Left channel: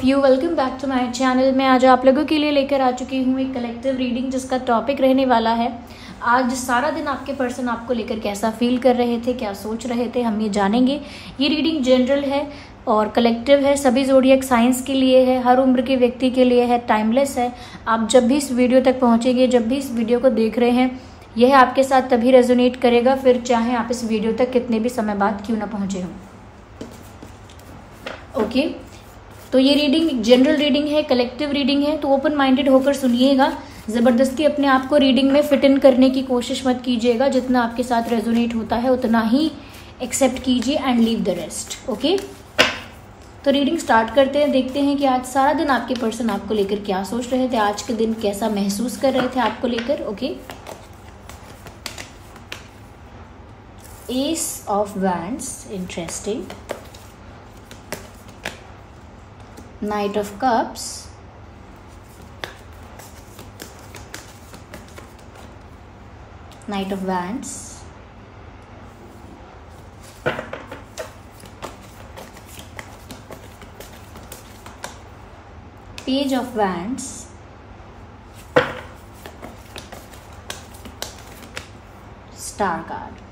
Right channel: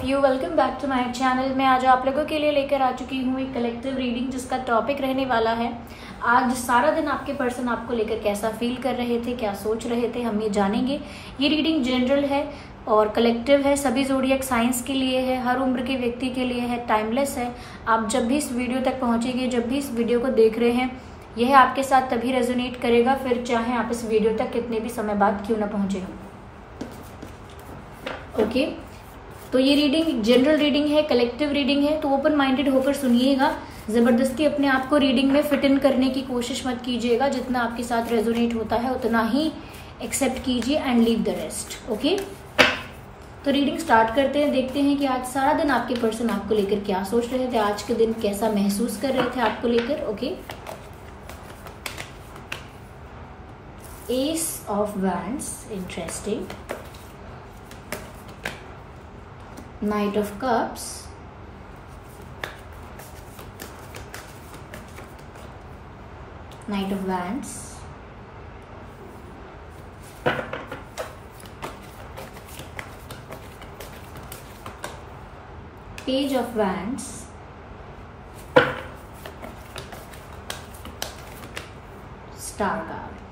Of you, welcome back to my channel. मैं आज आप लोगों के लिए लेकर आ चुकी हूँ एक कलेक्टिव रीडिंग जिसका टॉपिक रहने वाला है आज सारा दिन आपके पर्सन आपको लेकर कैसा फील कर रहे थे, क्या सोच रहे थे, हम ये जानेंगे। ये रीडिंग जनरल है और कलेक्टिव है, सभी ज़ोडिएक साइंस के लिए है, हर उम्र के व्यक्ति के लिए है, टाइमलेस है। आप जब भी इस वीडियो तक पहुंचेंगे, जब भी इस वीडियो को देख रहे हैं, यह आपके साथ तभी रेजोनेट करेगा, फिर चाहे आप इस वीडियो तक कितने भी समय बाद क्यों ना पहुंचे हो। ओके, तो ये रीडिंग जनरल रीडिंग है, कलेक्टिव रीडिंग है, तो ओपन माइंडेड होकर सुनिएगा। जबरदस्ती अपने आप को रीडिंग में फिट इन करने की कोशिश मत कीजिएगा। जितना आपके साथ रेजोनेट होता है उतना ही एक्सेप्ट कीजिए and leave the rest. Okay, तो रीडिंग स्टार्ट करते हैं। देखते हैं कि आज सारा दिन आपके पर्सन आपको लेकर क्या सोच रहे थे, आज के दिन कैसा महसूस कर रहे थे आपको लेकर। Okay, S of wands, interesting. Knight of Cups, Knight of Wands, Page of Wands, Star card,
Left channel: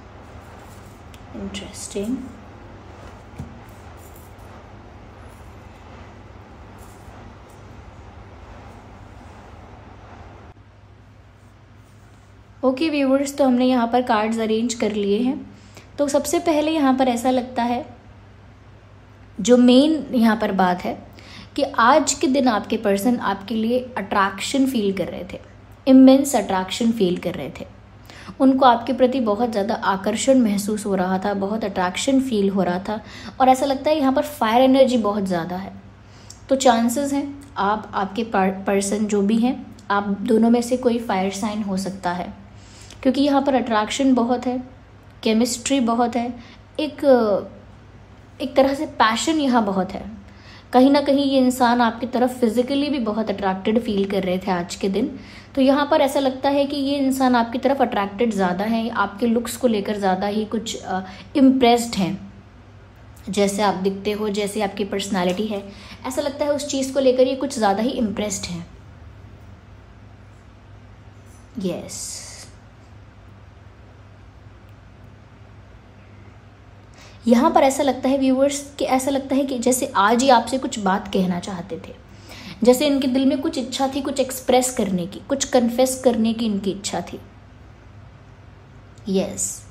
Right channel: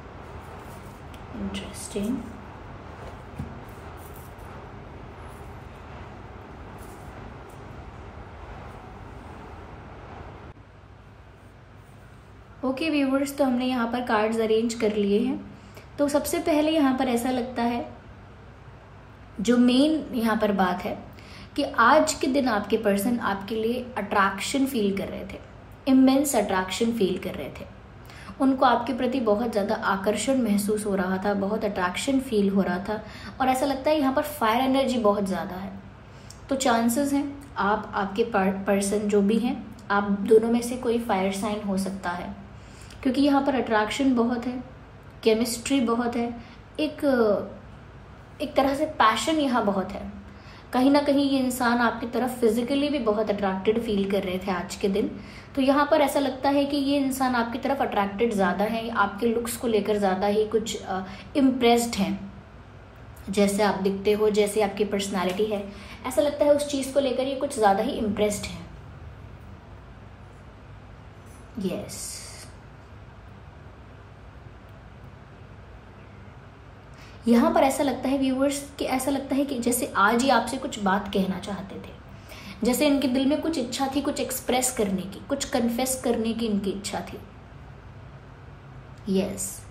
interesting. Okay viewers, तो हमने यहाँ पर कार्ड्स अरेंज कर लिए हैं। तो सबसे पहले यहाँ पर ऐसा लगता है, जो मेन यहाँ पर बात है कि आज के दिन आपके पर्सन आपके लिए अट्रैक्शन फील कर रहे थे, इमेंस अट्रैक्शन फील कर रहे थे। उनको आपके प्रति बहुत ज़्यादा आकर्षण महसूस हो रहा था, बहुत अट्रैक्शन फील हो रहा था, और ऐसा लगता है यहाँ पर फायर एनर्जी बहुत ज़्यादा है। तो चांसेस हैं आप, आपके पर्सन जो भी हैं, आप दोनों में से कोई फायर साइन हो सकता है, क्योंकि यहाँ पर अट्रैक्शन बहुत है, केमिस्ट्री बहुत है, एक तरह से पैशन यहाँ बहुत है। कहीं ना कहीं ये इंसान आपकी तरफ फिजिकली भी बहुत अट्रैक्टेड फील कर रहे थे आज के दिन। तो यहाँ पर ऐसा लगता है कि ये इंसान आपकी तरफ अट्रैक्टेड ज़्यादा है, आपके लुक्स को लेकर ज़्यादा ही कुछ इम्प्रेस्ड हैं। जैसे आप दिखते हो, जैसे आपकी पर्सनालिटी है, ऐसा लगता है उस चीज़ को लेकर ये कुछ ज़्यादा ही इम्प्रेस्ड हैं। यस, यहाँ पर ऐसा लगता है व्यूवर्स कि ऐसा लगता है कि जैसे आज ही आपसे कुछ बात कहना चाहते थे, जैसे इनके दिल में कुछ इच्छा थी, कुछ एक्सप्रेस करने की, कुछ कन्फेस करने की इनकी इच्छा थी। यस,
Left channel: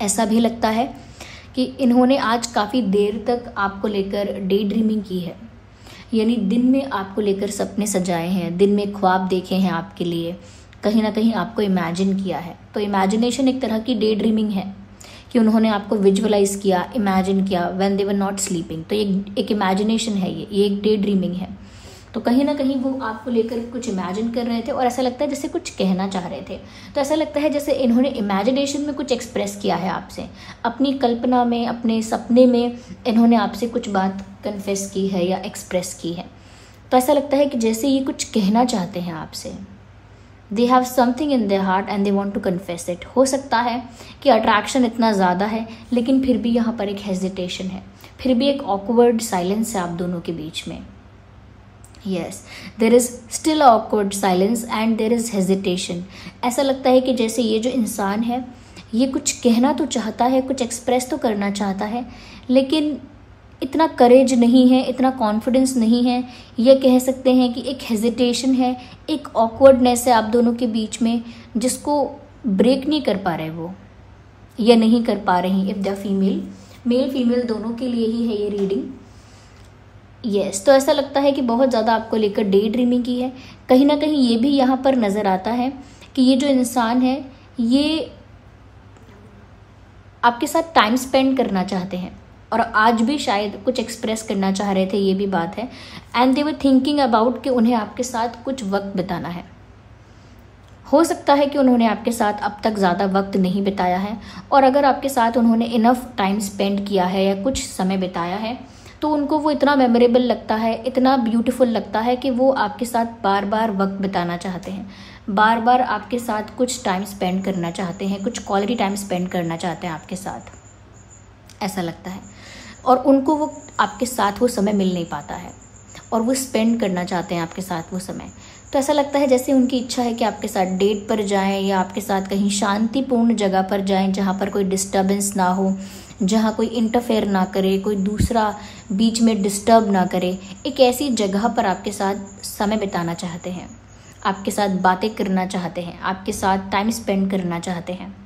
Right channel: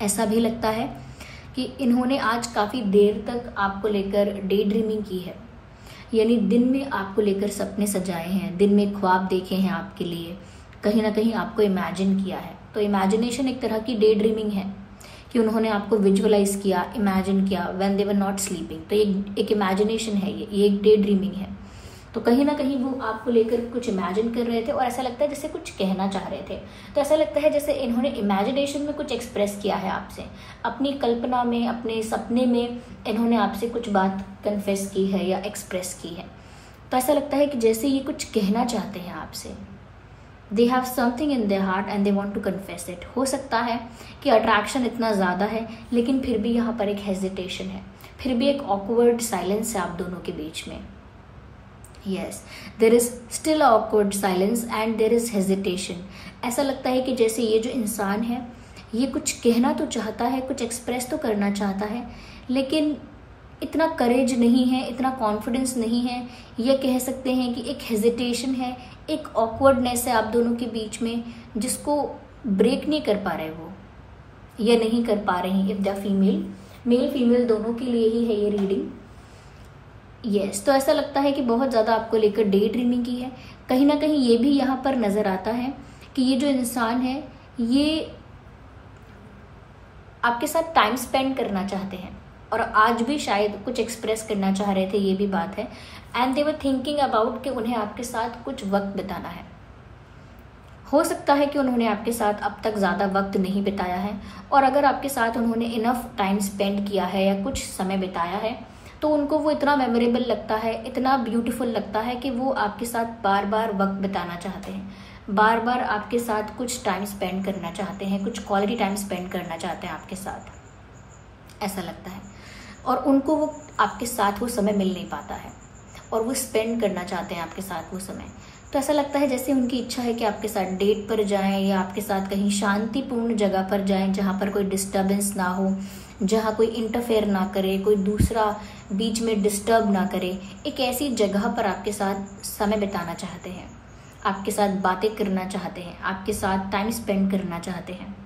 ऐसा भी लगता है कि इन्होंने आज काफी देर तक आपको लेकर डे ड्रीमिंग की है, यानी दिन में आपको लेकर सपने सजाए हैं, दिन में ख्वाब देखे हैं आपके लिए, कहीं ना कहीं आपको इमेजिन किया है। तो इमेजिनेशन एक तरह की डे ड्रीमिंग है कि उन्होंने आपको विजुअलाइज किया, इमेजिन किया when they were not sleeping. तो एक इमेजिनेशन है, ये एक डे ड्रीमिंग है। तो कहीं ना कहीं वो आपको लेकर कुछ इमेजिन कर रहे थे और ऐसा लगता है जैसे कुछ कहना चाह रहे थे। तो ऐसा लगता है जैसे इन्होंने इमेजिनेशन में कुछ एक्सप्रेस किया है आपसे, अपनी कल्पना में, अपने सपने में इन्होंने आपसे कुछ बात कन्फेस की है या एक्सप्रेस की है। तो ऐसा लगता है कि जैसे ये कुछ कहना चाहते हैं आपसे। They have something in their heart and they want to confess it. हो सकता है कि अट्रैक्शन इतना ज़्यादा है लेकिन फिर भी यहाँ पर एक हेजिटेशन है, फिर भी एक ऑकवर्ड साइलेंस है आप दोनों के बीच में। Yes, there is still awkward silence and there is hesitation. ऐसा लगता है कि जैसे ये जो इंसान है ये कुछ कहना तो चाहता है, कुछ एक्सप्रेस तो करना चाहता है, लेकिन इतना करेज नहीं है, इतना कॉन्फिडेंस नहीं है। ये कह सकते हैं कि एक हेजिटेशन है, एक ऑकवर्डनेस है आप दोनों के बीच में, जिसको ब्रेक नहीं कर पा रहे वो, या नहीं कर पा रही। If the female, male female दोनों के लिए ही है ये रीडिंग। यस, तो ऐसा लगता है कि बहुत ज़्यादा आपको लेकर डे ड्रीमिंग की है। कहीं ना कहीं ये भी यहाँ पर नज़र आता है कि ये जो इंसान है ये आपके साथ टाइम स्पेंड करना चाहते हैं और आज भी शायद कुछ एक्सप्रेस करना चाह रहे थे, ये भी बात है। And they were thinking about कि उन्हें आपके साथ कुछ वक्त बिताना है। हो सकता है कि उन्होंने आपके साथ अब तक ज़्यादा वक्त नहीं बिताया है, और अगर आपके साथ उन्होंने इनफ टाइम स्पेंड किया है या कुछ समय बिताया है तो उनको वो इतना मेमोरेबल लगता है, इतना ब्यूटीफुल लगता है कि वो आपके साथ बार बार वक्त बिताना चाहते हैं, बार बार आपके साथ कुछ टाइम स्पेंड करना चाहते हैं, कुछ क्वालिटी टाइम स्पेंड करना चाहते हैं आपके साथ। ऐसा लगता है। और उनको वो आपके साथ वो समय मिल नहीं पाता है और वो स्पेंड करना चाहते हैं आपके साथ वो समय। तो ऐसा लगता है जैसे उनकी इच्छा है कि आपके साथ डेट पर जाएं या आपके साथ कहीं शांतिपूर्ण जगह पर जाएं जहाँ पर कोई डिस्टर्बेंस ना हो, जहाँ कोई इंटरफेयर ना करे, कोई दूसरा बीच में डिस्टर्ब ना करे। एक ऐसी जगह पर आपके साथ समय बिताना चाहते हैं, आपके साथ बातें करना चाहते हैं, आपके साथ टाइम स्पेंड करना चाहते हैं।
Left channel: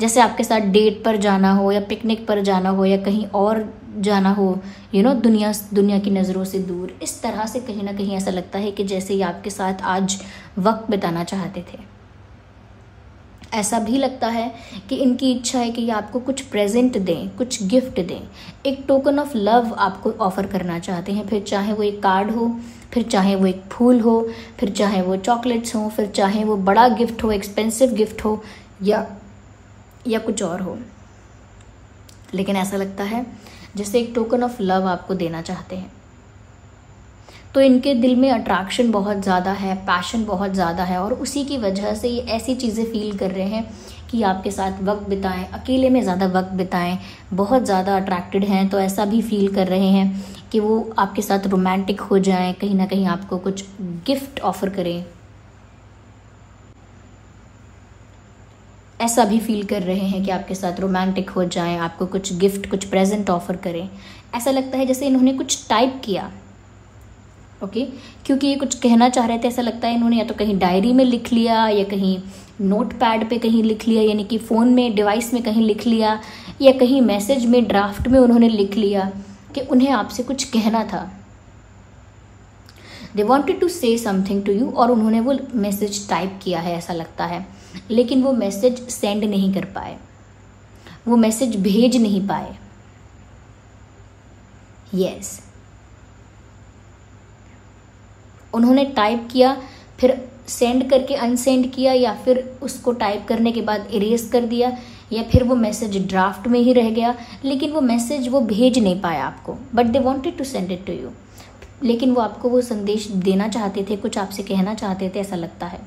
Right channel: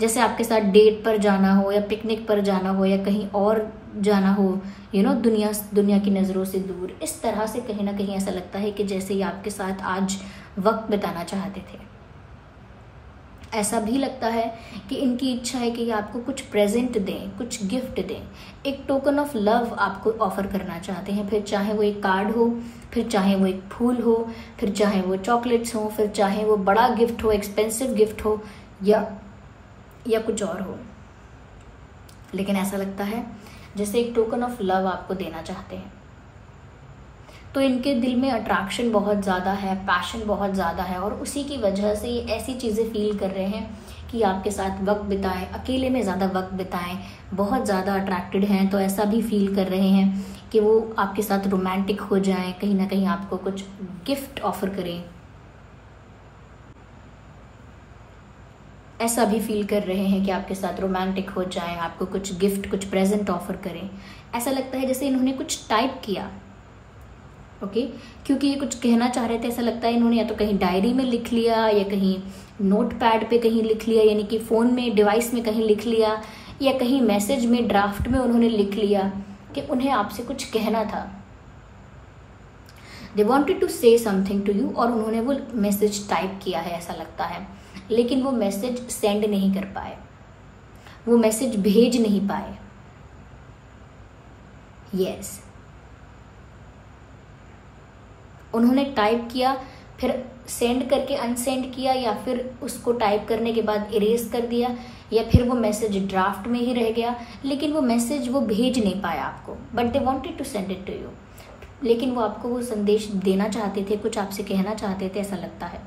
जैसे आपके साथ डेट पर जाना हो या पिकनिक पर जाना हो या कहीं और जाना हो, दुनिया की नज़रों से दूर। इस तरह से कहीं ना कहीं ऐसा लगता है कि जैसे ये आपके साथ आज वक्त बिताना चाहते थे। ऐसा भी लगता है कि इनकी इच्छा है कि ये आपको कुछ प्रेजेंट दें, कुछ गिफ्ट दें, एक टोकन ऑफ लव आपको ऑफर करना चाहते हैं। फिर चाहे वो एक कार्ड हो, फिर चाहे वो एक फूल हो, फिर चाहे वो चॉकलेट्स हो, फिर चाहे वो बड़ा गिफ्ट हो, एक्सपेंसिव गिफ्ट हो या कुछ और हो। लेकिन ऐसा लगता है जैसे एक टोकन ऑफ लव आपको देना चाहते हैं। तो इनके दिल में अट्रैक्शन बहुत ज़्यादा है, पैशन बहुत ज़्यादा है और उसी की वजह से ये ऐसी चीज़ें फील कर रहे हैं कि आपके साथ वक्त बिताएं, अकेले में ज़्यादा वक्त बिताएं। बहुत ज़्यादा अट्रैक्टेड हैं तो ऐसा भी फील कर रहे हैं कि वो आपके साथ रोमांटिक हो जाएं, कहीं ना कहीं आपको कुछ गिफ्ट ऑफर करें। ऐसा भी फील कर रहे हैं कि आपके साथ रोमांटिक हो जाएं, आपको कुछ गिफ्ट, कुछ प्रेजेंट ऑफर करें। ऐसा लगता है जैसे इन्होंने कुछ टाइप किया, ओके, क्योंकि ये कुछ कहना चाह रहे थे। ऐसा लगता है इन्होंने या तो कहीं डायरी में लिख लिया या कहीं नोटपैड पे कहीं लिख लिया, यानी कि फ़ोन में डिवाइस में कहीं लिख लिया, या कहीं मैसेज में ड्राफ्ट में उन्होंने लिख लिया कि उन्हें आपसे कुछ कहना था। They wanted to say something to you और उन्होंने वो मैसेज टाइप किया है ऐसा लगता है, लेकिन वो मैसेज सेंड नहीं कर पाए, वो मैसेज भेज नहीं पाए। यस, उन्होंने टाइप किया, फिर सेंड करके अनसेंड किया, या फिर उसको टाइप करने के बाद इरेज कर दिया, या फिर वो मैसेज ड्राफ्ट में ही रह गया, लेकिन वो मैसेज वो भेज नहीं पाया आपको। But they wanted to send it to you, लेकिन वो आपको वो संदेश देना चाहते थे, कुछ आपसे कहना चाहते थे, ऐसा लगता है।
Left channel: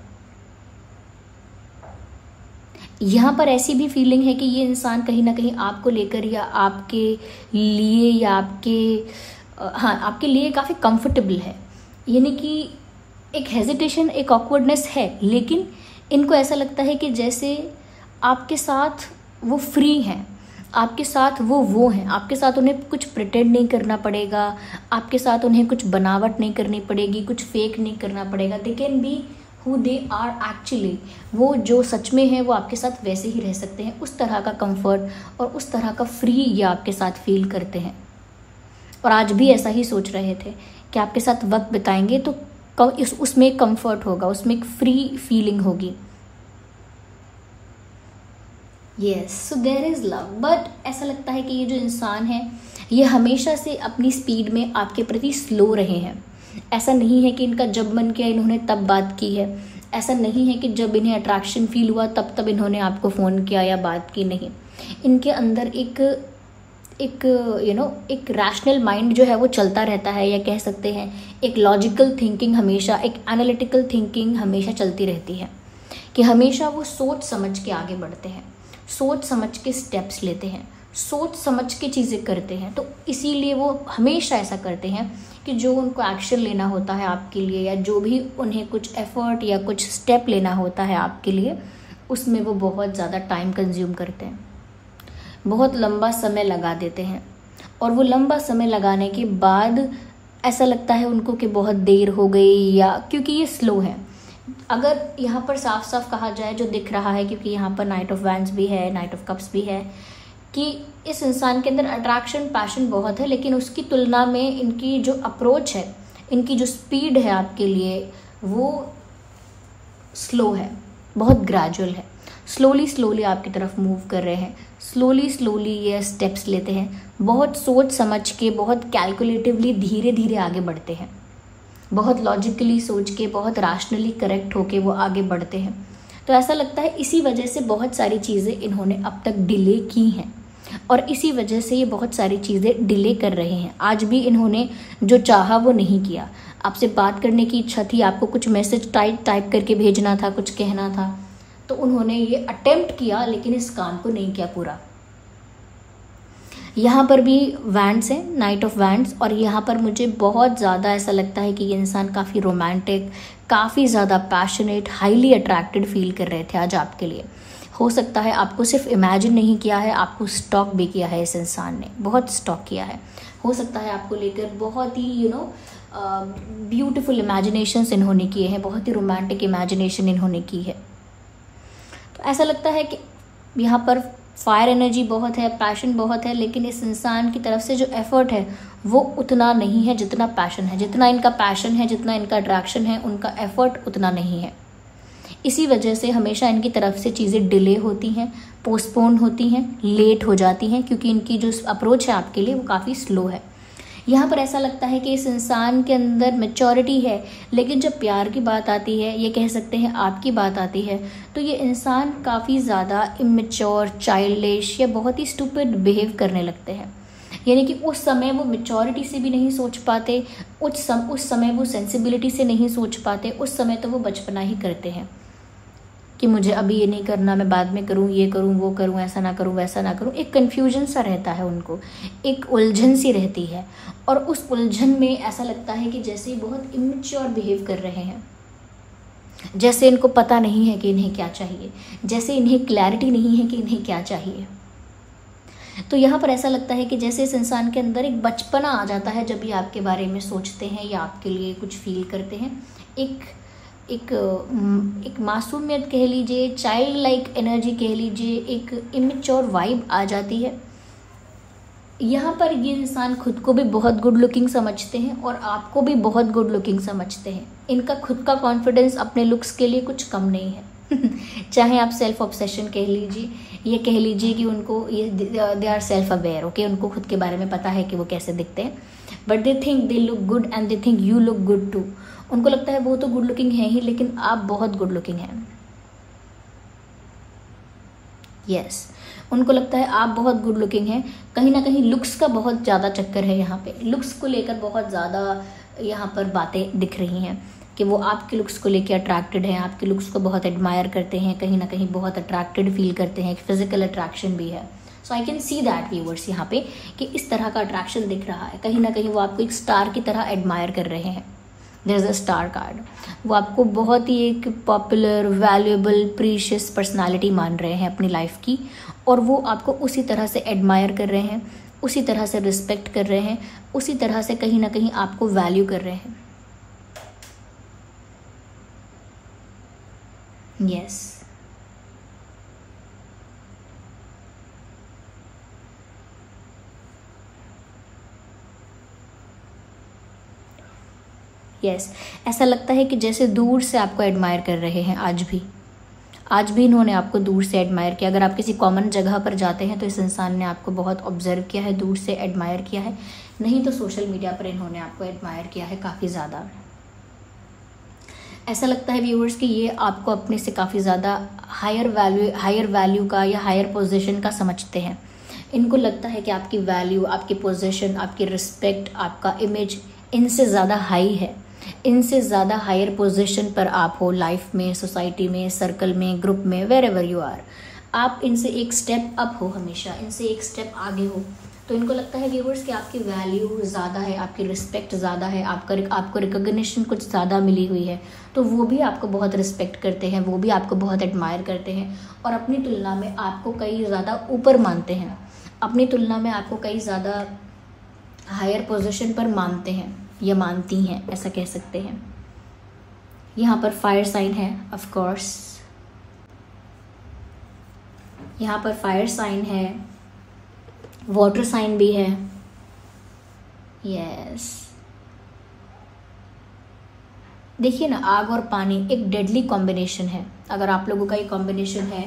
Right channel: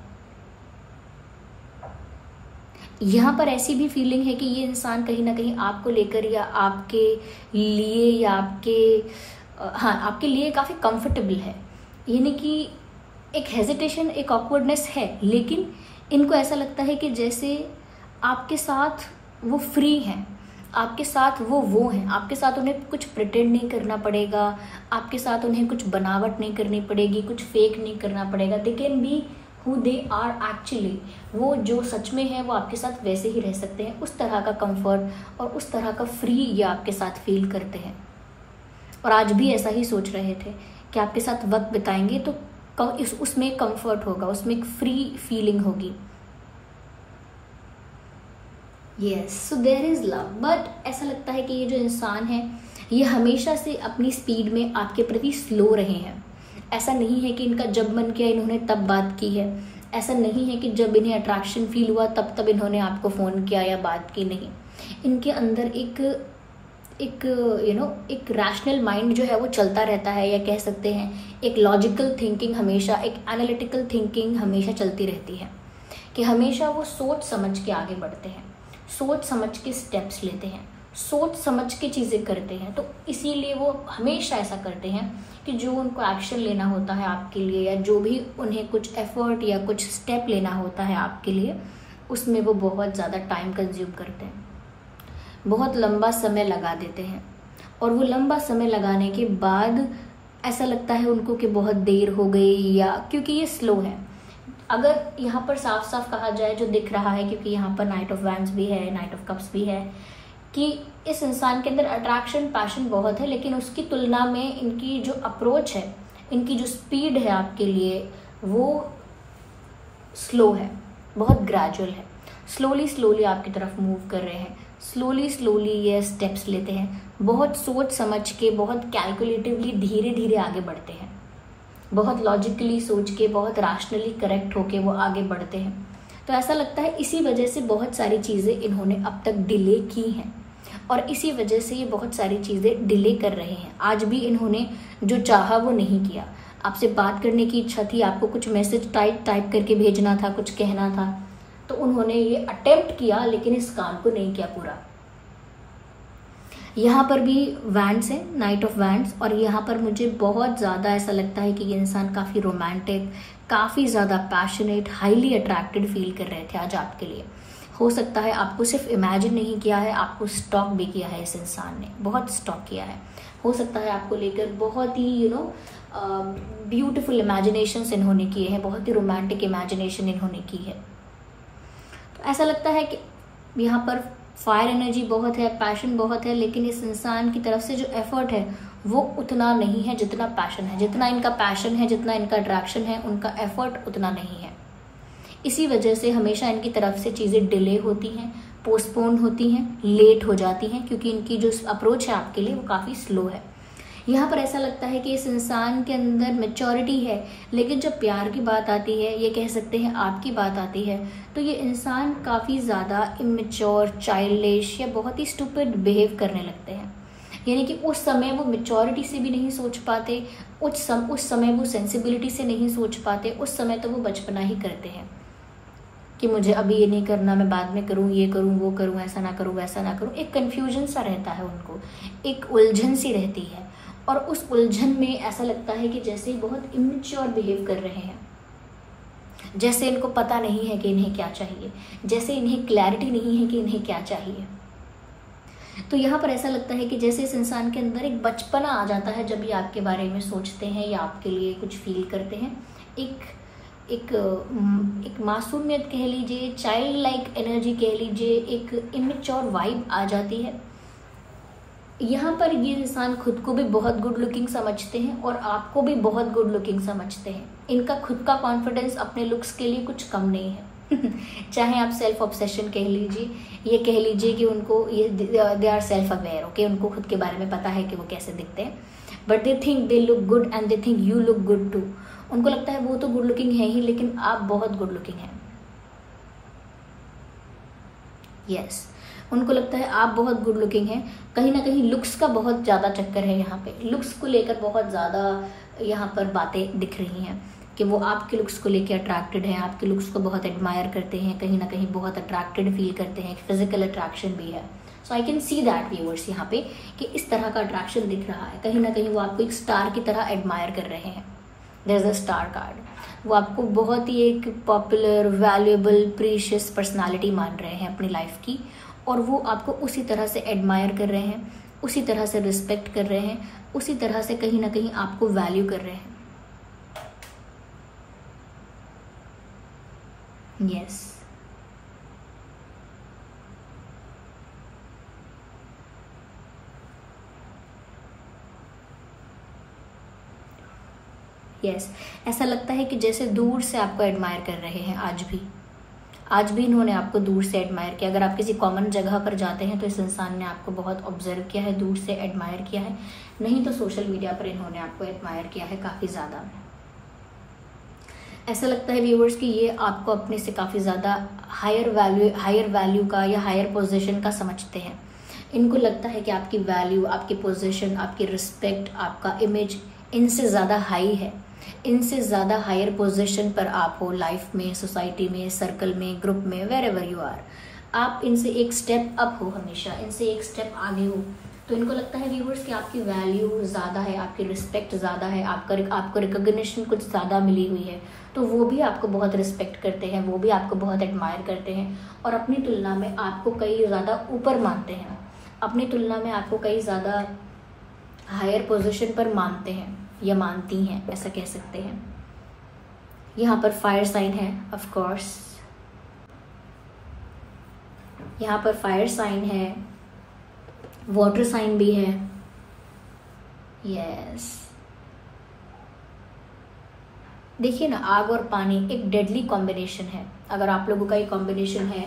यहाँ पर ऐसी भी फीलिंग है कि ये इंसान कहीं ना कहीं आपको लेकर या आपके लिए या आपके लिए काफ़ी कंफर्टेबल है, यानी कि एक हेजिटेशन, एक ऑकवर्डनेस है, लेकिन इनको ऐसा लगता है कि जैसे आपके साथ वो फ्री हैं, आपके साथ वो हैं, आपके साथ उन्हें कुछ प्रिटेंड नहीं करना पड़ेगा, आपके साथ उन्हें कुछ बनावट नहीं करनी पड़ेगी, कुछ फेक नहीं करना पड़ेगा। They can be who they are actually, वो जो सच में है वो आपके साथ वैसे ही रह सकते हैं। उस तरह का कंफर्ट और उस तरह का फ्री ये आपके साथ फील करते हैं। और आज भी ऐसा ही सोच रहे थे कि आपके साथ वक्त बिताएंगे तो उसमें एक कंफर्ट होगा, उसमें एक फ्री फीलिंग होगी। Yes, so there is love. But ऐसा लगता है कि ये जो इंसान है ये हमेशा से अपनी स्पीड में आपके प्रति स्लो रहे हैं। ऐसा नहीं है कि इनका जब मन किया इन्होंने तब बात की है, ऐसा नहीं है कि जब इन्हें अट्रैक्शन फील हुआ तब इन्होंने आपको फ़ोन किया या बात की, नहीं। इनके अंदर एक रैशनल माइंड जो है वो चलता रहता है, या कह सकते हैं एक लॉजिकल थिंकिंग हमेशा, एक एनालिटिकल थिंकिंग हमेशा चलती रहती है, कि हमेशा वो सोच समझ के आगे बढ़ते हैं, सोच समझ के स्टेप्स लेते हैं, सोच समझ के चीज़ें करते हैं। तो इसीलिए वो हमेशा ऐसा करते हैं कि जो उनको एक्शन लेना होता है आपके लिए, या जो भी उन्हें कुछ एफर्ट या कुछ स्टेप लेना होता है आपके लिए, उसमें वो बहुत ज़्यादा टाइम कंज्यूम करते हैं, बहुत लंबा समय लगा देते हैं। और वो लंबा समय लगाने के बाद ऐसा लगता है उनको कि बहुत देर हो गई, या क्योंकि ये स्लो है। अगर यहाँ पर साफ साफ कहा जाए जो दिख रहा है, क्योंकि यहाँ पर नाइट ऑफ वैंड्स भी है, नाइट ऑफ कप्स भी है, कि इस इंसान के अंदर अट्रैक्शन, पैशन बहुत है, लेकिन उसकी तुलना में इनकी जो अप्रोच है, इनकी जो स्पीड है आपके लिए, वो स्लो है, बहुत ग्रेजुअल है। स्लोली आपकी तरफ मूव कर रहे हैं, स्लोली ये स्टेप्स लेते हैं, बहुत सोच समझ के, बहुत कैलकुलेटिवली धीरे धीरे आगे बढ़ते हैं, बहुत लॉजिकली सोच के, बहुत रैशनली करेक्ट होके वो आगे बढ़ते हैं। तो ऐसा लगता है इसी वजह से बहुत सारी चीज़ें इन्होंने अब तक डिले की हैं, और इसी वजह से ये बहुत सारी चीज़ें डिले कर रहे हैं। आज भी इन्होंने जो चाहा वो नहीं किया। आपसे बात करने की इच्छा थी, आपको कुछ मैसेज टाइप करके भेजना था, कुछ कहना था, तो उन्होंने ये अटेम्प्ट किया, लेकिन इस काम को नहीं किया पूरा। यहाँ पर भी वैंड्स है, नाइट ऑफ वैंड्स, और यहाँ पर मुझे बहुत ज़्यादा ऐसा लगता है कि ये इंसान काफ़ी रोमांटिक, काफ़ी ज़्यादा पैशनेट, हाईली अट्रैक्टेड फील कर रहे थे आज आपके लिए। हो सकता है आपको सिर्फ इमेजिन नहीं किया है, आपको स्टॉक भी किया है इस इंसान ने, बहुत स्टॉक किया है। हो सकता है आपको लेकर बहुत ही ब्यूटीफुल इमेजिनेशंस इन्होंने किए हैं, बहुत ही रोमांटिक इमेजिनेशन इन्होंने की है। तो ऐसा लगता है कि यहाँ पर फायर एनर्जी बहुत है, पैशन बहुत है, लेकिन इस इंसान की तरफ से जो एफर्ट है वो उतना नहीं है जितना पैशन है। जितना इनका पैशन है, जितना इनका अट्रैक्शन है, उनका एफर्ट उतना नहीं है। इसी वजह से हमेशा इनकी तरफ से चीज़ें डिले होती हैं, पोस्टपोन होती हैं, लेट हो जाती हैं, क्योंकि इनकी जो अप्रोच है आपके लिए वो काफ़ी स्लो है। यहाँ पर ऐसा लगता है कि इस इंसान के अंदर मैच्योरिटी है, लेकिन जब प्यार की बात आती है, ये कह सकते हैं आपकी बात आती है, तो ये इंसान काफ़ी ज़्यादा इमेच्योर, चाइल्डिश या बहुत ही स्टूपिड बिहेव करने लगते हैं। यानी कि उस समय वो मैच्योरिटी से भी नहीं सोच पाते, उस समय वो सेंसिबिलिटी से नहीं सोच पाते, उस समय तो वो बचपना ही करते हैं कि मुझे अभी ये नहीं करना, मैं बाद में करूँ, ये करूँ, वो करूँ, ऐसा ना करूँ, वैसा ना करूँ। एक कन्फ्यूजन सा रहता है उनको, एक उलझन सी रहती है, और उस उलझन में ऐसा लगता है कि जैसे बहुत इमेच्योर बिहेव कर रहे हैं, जैसे इनको पता नहीं है कि इन्हें क्या चाहिए, जैसे इन्हें क्लैरिटी नहीं है कि इन्हें क्या चाहिए। तो यहाँ पर ऐसा लगता है कि जैसे इस इंसान के अंदर एक बचपना आ जाता है जब ये आपके बारे में सोचते हैं या आपके लिए कुछ फील करते हैं। एक मासूमियत कह लीजिए, चाइल्ड लाइक एनर्जी कह लीजिए, एक इमेच्योर वाइब आ जाती है। यहाँ पर ये इंसान खुद को भी बहुत गुड लुकिंग समझते हैं और आपको भी बहुत गुड लुकिंग समझते हैं। इनका खुद का कॉन्फिडेंस अपने लुक्स के लिए कुछ कम नहीं है। चाहे आप सेल्फ ऑब्सेशन कह लीजिए, ये कह लीजिए कि उनको ये they are self aware, okay, उनको खुद के बारे में पता है कि वो कैसे दिखते हैं, but they think they look good and they think you look good too. उनको लगता है वो तो गुड लुकिंग है ही, लेकिन आप बहुत गुड लुकिंग हैं। यस, उनको लगता है आप बहुत गुड लुकिंग हैं। कहीं ना कहीं लुक्स का बहुत ज्यादा चक्कर है यहाँ पे, लुक्स को लेकर बहुत ज्यादा यहाँ पर बातें दिख रही हैं कि वो आपके लुक्स को लेकर अट्रैक्टेड हैं, आपके लुक्स को बहुत एडमायर करते हैं, कहीं ना कहीं बहुत अट्रैक्टेड फील करते हैं, फिजिकल अट्रैक्शन भी है। So I can see that viewers यहाँ पे कि इस तरह का अट्रैक्शन दिख रहा है। कहीं ना कहीं वो आपको एक स्टार की तरह एडमायर कर रहे हैं। There is a star card. वो आपको बहुत ही एक पॉपुलर, वैल्यूएबल, प्रीशियस पर्सनालिटी मान रहे हैं अपनी लाइफ की, और वो आपको उसी तरह से एडमायर कर रहे हैं, उसी तरह से रिस्पेक्ट कर रहे हैं, उसी तरह से कहीं ना कहीं आपको वैल्यू कर रहे हैं। यस, यस, ऐसा लगता है कि जैसे दूर से आपको एडमायर कर रहे हैं। आज भी इन्होंने आपको दूर से एडमायर किया। अगर आप किसी कॉमन जगह पर जाते हैं तो इस इंसान ने आपको बहुत ऑब्जर्व किया है, दूर से एडमायर किया है, नहीं तो सोशल मीडिया पर इन्होंने आपको एडमायर किया है काफी ज्यादा। ऐसा लगता है व्यूअर्स कि ये आपको अपने से काफी ज्यादा हायर वैल्यू का या हायर पोजीशन का समझते हैं। इनको लगता है कि आपकी वैल्यू, आपकी पोजीशन, आपकी रिस्पेक्ट, आपका इमेज इनसे ज्यादा हाई है, इनसे ज्यादा हायर पोजीशन पर आप हो लाइफ में, सोसाइटी में, सर्कल में, ग्रुप में, वेर एवर यू आर, आप इनसे एक स्टेप अप हो, हमेशा इनसे एक स्टेप आगे हो। तो इनको लगता है व्यूअर्स कि आपकी वैल्यू ज्यादा है, आपकी रिस्पेक्ट ज्यादा है, आपको रिकॉग्निशन कुछ ज्यादा मिली हुई है, तो वो भी आपको बहुत रिस्पेक्ट करते हैं, वो भी आपको बहुत एडमायर करते हैं, और अपनी तुलना में आपको कई ज्यादा ऊपर मानते हैं, अपनी तुलना में आपको कई ज्यादा हायर पोजीशन पर मानते हैं या मानती हैं, ऐसा कह सकते हैं। यहाँ पर फायर साइन है, ऑफ कोर्स यहाँ पर फायर साइन है, वाटर साइन भी है। यस, देखिए ना, आग और पानी एक डेडली कॉम्बिनेशन है। अगर आप लोगों का ये कॉम्बिनेशन है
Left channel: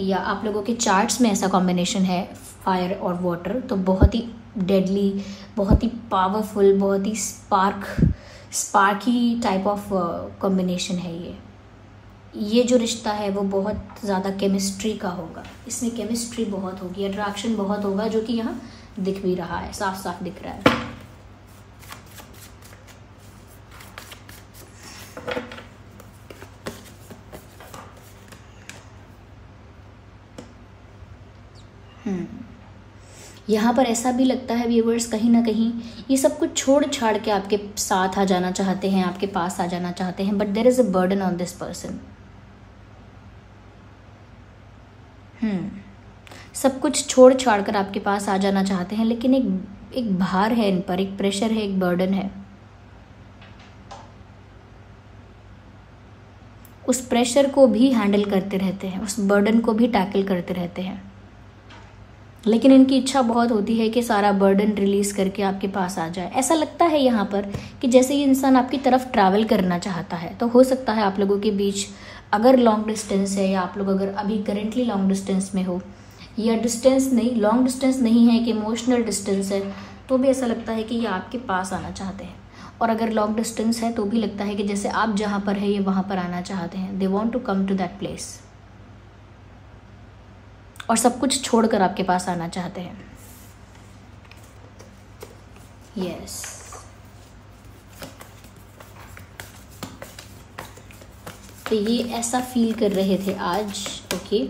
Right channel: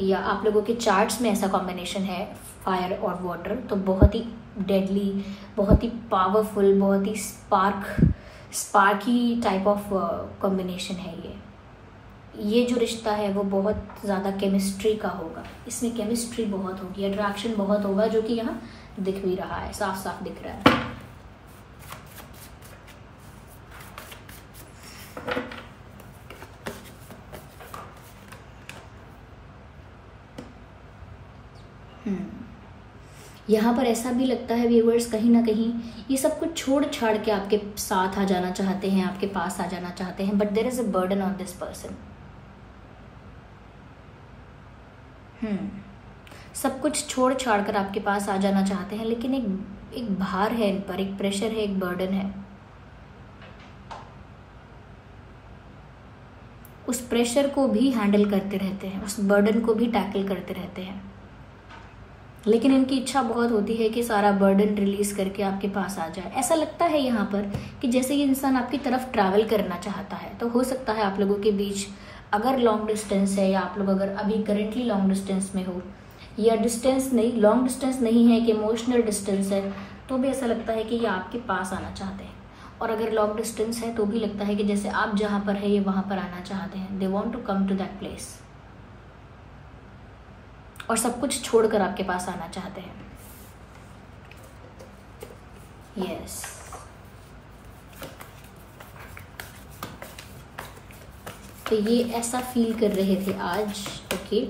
या आप लोगों के चार्ट्स में ऐसा कॉम्बिनेशन है, फायर और वाटर, तो बहुत ही डेडली, बहुत ही पावरफुल, बहुत ही स्पार्की टाइप ऑफ कॉम्बिनेशन है ये जो रिश्ता है वो बहुत ज़्यादा केमिस्ट्री का होगा, इसमें केमिस्ट्री बहुत होगी, अट्रैक्शन बहुत होगा, जो कि यहाँ दिख भी रहा है, साफ साफ दिख रहा है। यहाँ पर ऐसा भी लगता है व्यूअर्स, कहीं ना कहीं ये सब कुछ छोड़ छाड़ के आपके साथ आ जाना चाहते हैं, आपके पास आ जाना चाहते हैं, but there is a burden on this person. सब कुछ छोड़ छाड़ कर आपके पास आ जाना चाहते हैं, लेकिन एक भार है इन पर, एक प्रेशर है, एक बर्डन है। उस प्रेशर को भी हैंडल करते रहते हैं, उस बर्डन को भी टैकल करते रहते हैं, लेकिन इनकी इच्छा बहुत होती है कि सारा बर्डन रिलीज करके आपके पास आ जाए। ऐसा लगता है यहाँ पर कि जैसे ये इंसान आपकी तरफ ट्रैवल करना चाहता है। तो हो सकता है आप लोगों के बीच अगर लॉन्ग डिस्टेंस है, या आप लोग अगर अभी करेंटली लॉन्ग डिस्टेंस में हो, या डिस्टेंस नहीं, लॉन्ग डिस्टेंस नहीं है कि इमोशनल डिस्टेंस है, तो भी ऐसा लगता है कि ये आपके पास आना चाहते हैं। और अगर लॉन्ग डिस्टेंस है तो भी लगता है कि जैसे आप जहां पर है ये वहां पर आना चाहते हैं। They want to come to that place, और सब कुछ छोड़कर आपके पास आना चाहते हैं। यस, तो ये ऐसा फील कर रहे थे आज। ओके,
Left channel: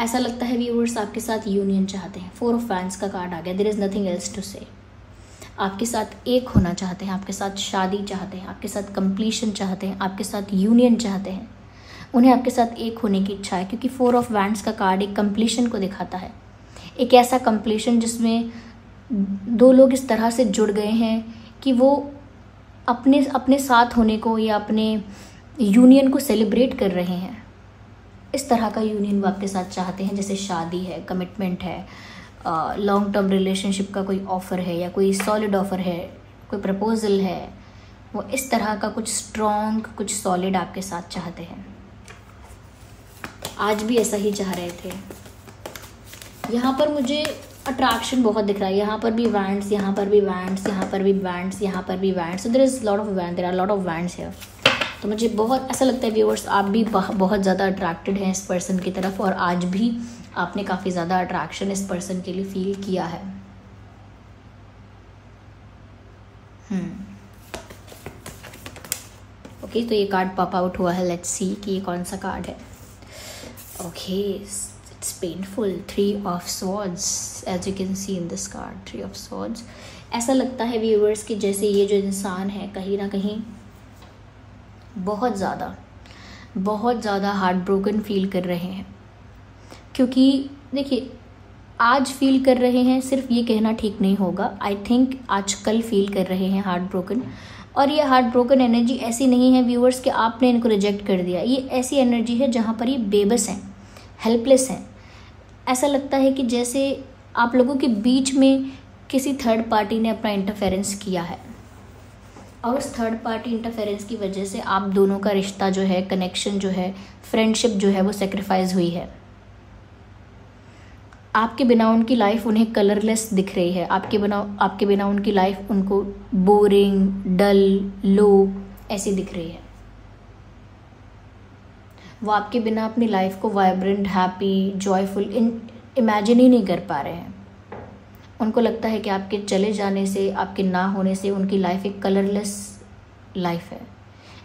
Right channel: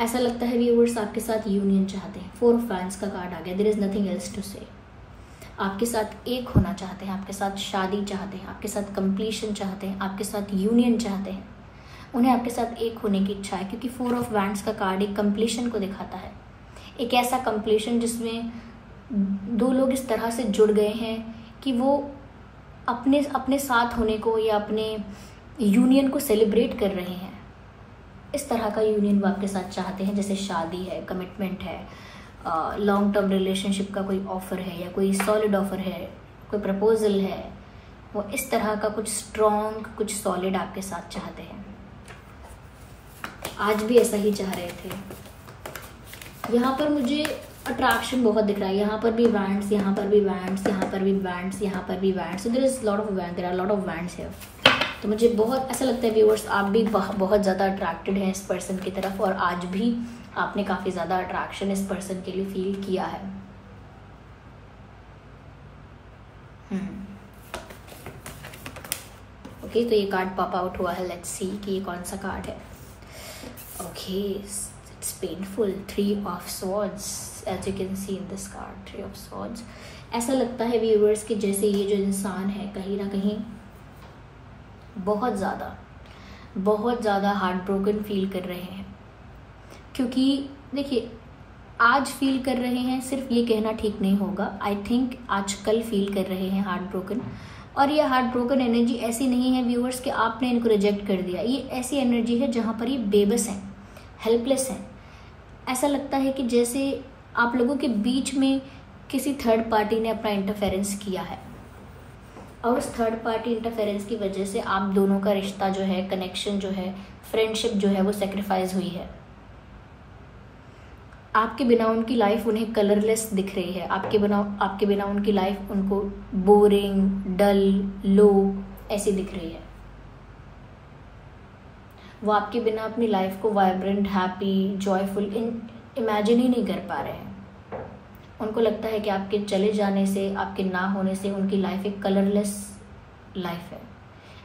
ऐसा लगता है व्यूअर्स आपके साथ यूनियन चाहते हैं। 4 ऑफ वैंड्स का कार्ड आ गया। There is nothing else to say. आपके साथ एक होना चाहते हैं, आपके साथ शादी चाहते हैं, आपके साथ कंप्लीशन चाहते हैं, आपके साथ यूनियन चाहते हैं। उन्हें आपके साथ एक होने की इच्छा है, क्योंकि 4 ऑफ वैंड्स का कार्ड एक कंप्लीशन को दिखाता है। एक ऐसा कंप्लीशन जिसमें 2 लोग इस तरह से जुड़ गए हैं कि वो अपने साथ होने को या अपने यूनियन को सेलिब्रेट कर रहे हैं। इस तरह का यूनियन वो आपके साथ चाहते हैं, जैसे शादी है, कमिटमेंट है, लॉन्ग टर्म रिलेशनशिप का कोई ऑफर है, या कोई सॉलिड ऑफर है, कोई प्रपोजल है। वो इस तरह का कुछ स्ट्रॉन्ग, कुछ सॉलिड आपके साथ चाहते हैं। आज भी ऐसा ही चाह रहे थे। यहाँ पर मुझे अट्रैक्शन बहुत दिख रहा है। यहाँ पर भी वैंड्स, यहाँ पर भी वैंड्स, यहाँ पर भी वैंड्स, यहाँ पर भी wands. So there is lot of wand, there are lot of wands here. तो मुझे बहुत ऐसा लगता है व्यूअर्स, आप भी बहुत ज़्यादा अट्रैक्टेड हैं इस पर्सन की तरफ, और आज भी आपने काफ़ी ज़्यादा अट्रैक्शन इस पर्सन के लिए फील किया है। ओके, तो ये कार्ड पॉप आउट हुआ है। लेट्स सी कि ये कौन सा कार्ड है। Okay, it's painful. 3 of swords, as you can see in this card, 3 of swords. ऐसा लगता है व्यूअर्स कि जैसे ये जो इंसान है कहीं ना कहीं बहुत ज़्यादा हार्ट ब्रोकन फील कर रहे हैं। क्योंकि देखिए, आज फील कर रहे हैं, सिर्फ ये कहना ठीक नहीं होगा। आई थिंक आज कल फील कर रहे हैं हार्ट ब्रोकन। और ये हार्ट ब्रोकन एनर्जी ऐसी नहीं है व्यूअर्स कि आपने इनको रिजेक्ट कर दिया। ये ऐसी एनर्जी है जहाँ पर ये बेबस हैं, हेल्पलेस हैं। ऐसा लगता है कि जैसे आप लोगों के बीच में किसी थर्ड पार्टी ने अपना इंटरफेरेंस किया है, और उस थर्ड पार्टी इंटरफेरेंस की वजह से आप दोनों का रिश्ता जो है, कनेक्शन जो है, फ्रेंडशिप जो है, वो सेक्रीफाइस हुई है। आपके बिना उनकी लाइफ उन्हें कलरलेस दिख रही है। आपके बिना उनकी लाइफ उनको बोरिंग, डल, लो ऐसी दिख रही है। वो आपके बिना अपनी लाइफ को वाइब्रेंट, हैप्पी, जॉयफुल इमेजिन ही नहीं कर पा रहे हैं। उनको लगता है कि आपके चले जाने से, आपके ना होने से उनकी लाइफ एक कलरलेस लाइफ है,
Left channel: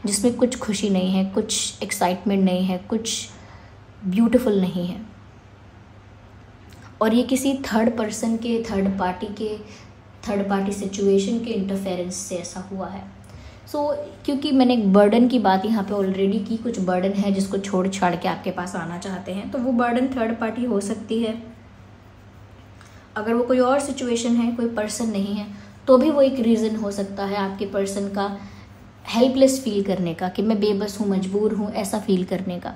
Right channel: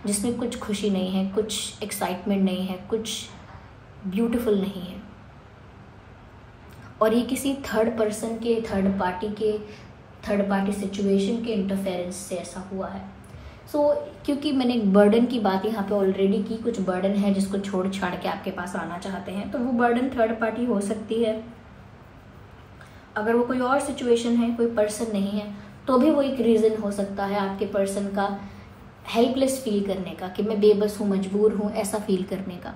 जिसमें कुछ खुशी नहीं है, कुछ एक्साइटमेंट नहीं है, कुछ ब्यूटीफुल नहीं है। और ये किसी थर्ड पार्टी सिचुएशन के इंटरफेरेंस से ऐसा हुआ है। क्योंकि मैंने एक बर्डन की बात यहाँ पे ऑलरेडी की, कुछ बर्डन है जिसको छोड़ छाड़ के आपके पास आना चाहते हैं, तो वो बर्डन थर्ड पार्टी हो सकती है। अगर वो कोई और सिचुएशन है, कोई पर्सन नहीं है, तो भी वो एक रीज़न हो सकता है आपके पर्सन का हेल्पलेस फील करने का, कि मैं बेबस हूँ, मजबूर हूँ, ऐसा फील करने का।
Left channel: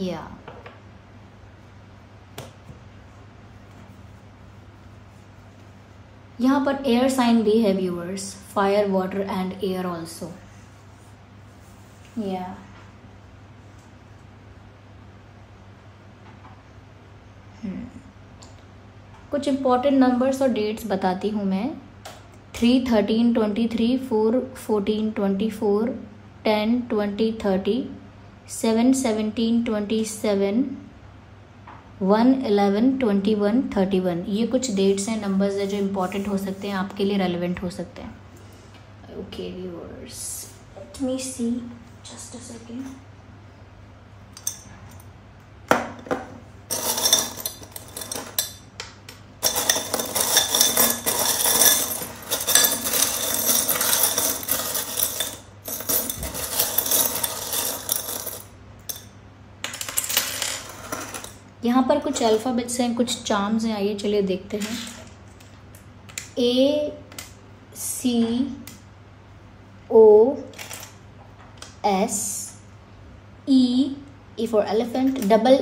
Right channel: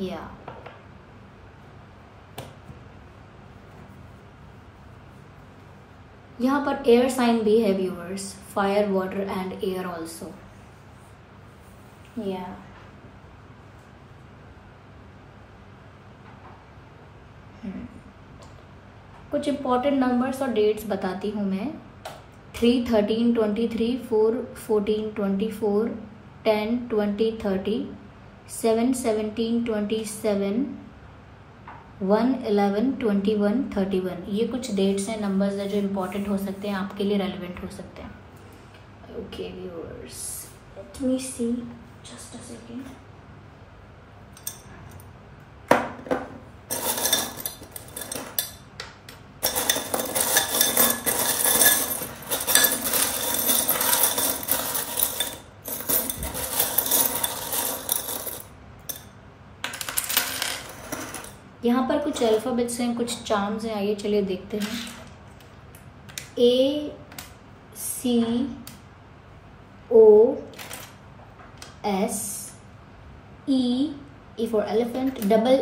या यहाँ पर एयर साइन भी है viewers, fire, water and air also. या कुछ इंपॉर्टेंट नंबर्स और डेट्स बताती हूँ मैं। 3, 13, 23, 4, 14, 24, 10, 20, 30, 7, 17, 27, 1, 11, 21, 31। ये कुछ डेट्स हैं, नंबर्स हैं जो इम्पोर्टेंट हो सकते हैं, आपके लिए रेलिवेंट हो सकते हैं। Okay viewers, let me see, just a second. यहाँ पर कुछ अल्फ़ाबेट्स हैं, कुछ चार्म्स हैं, आइए चलिए देखते हैं। A C O S E for elephant, double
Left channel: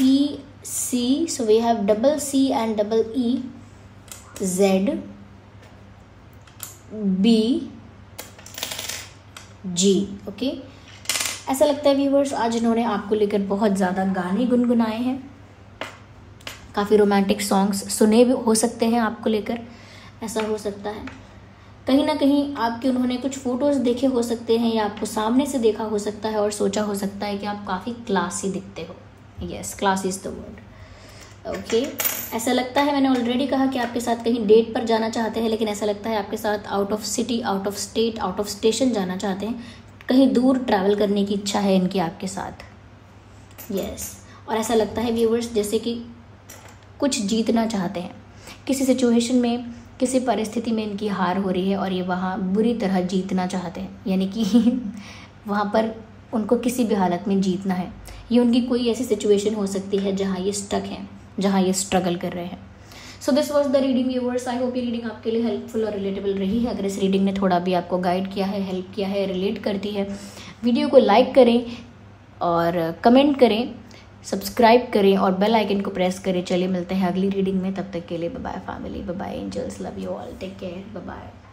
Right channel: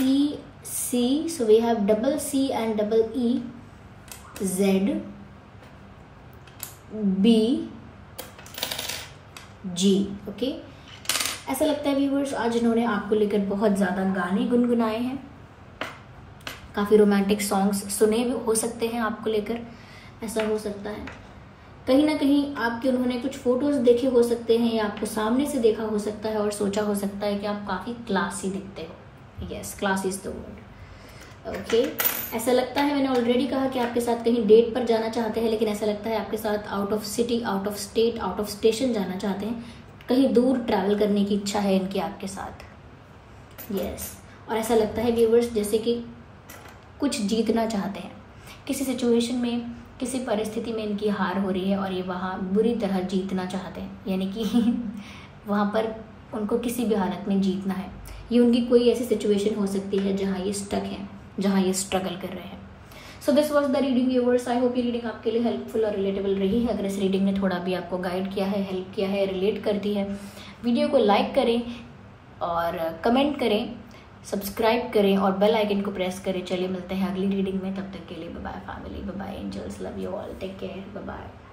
E C, so we have double C and double E, Z B G, okay. ऐसा लगता है व्यूअर्स आज इन्होंने आपको लेकर बहुत ज़्यादा गाने गुनगुनाए हैं, काफ़ी रोमांटिक सॉन्ग्स सुने भी हो सकते हैं आपको लेकर, ऐसा हो सकता है। कहीं ना कहीं आपके उन्होंने कुछ फोटोज़ देखे हो सकते हैं या आपको सामने से देखा हो सकता है और सोचा हो सकता है कि आप काफ़ी क्लासी दिखते हो। Yes, class is the word, okay. ऐसा लगता है, मैंने ऑलरेडी कहा कि आपके साथ कहीं डेट पर जाना चाहते हैं, लेकिन ऐसा लगता है आपके साथ out of city, out of state, out of station जाना चाहते हैं, कहीं दूर ट्रैवल करने की इच्छा है इनकी आपके साथ। यस, और ऐसा लगता है व्यूअर्स जैसे कि कुछ जीतना चाहते हैं, किसी सिचुएशन में, किसी परिस्थिति में इनकी हार हो रही है और ये वहाँ बुरी तरह जीतना चाहते हैं, यानी कि वहाँ पर उनको किसी भी हालत में जीतना है। ये उनकी कोई ऐसी सिचुएशन हो सकती है जहाँ ये स्टक हैं, जहाँ ये स्ट्रगल कर रहे हैं। So this was the reading viewers. I hope ये रीडिंग आपके लिए हेल्पफुल और रिलेटेबल रही है। अगर इस रीडिंग ने थोड़ा भी आपको गाइड किया है, हेल्प किया है, रिलेट करती है, वीडियो को लाइक करें और कमेंट करें, सब्सक्राइब करें और बेल आइकन को प्रेस करें। चलिए मिलते हैं अगली रीडिंग में, तब तक के लिए bye bye family, bye bye angels, love you all, take care, bye bye.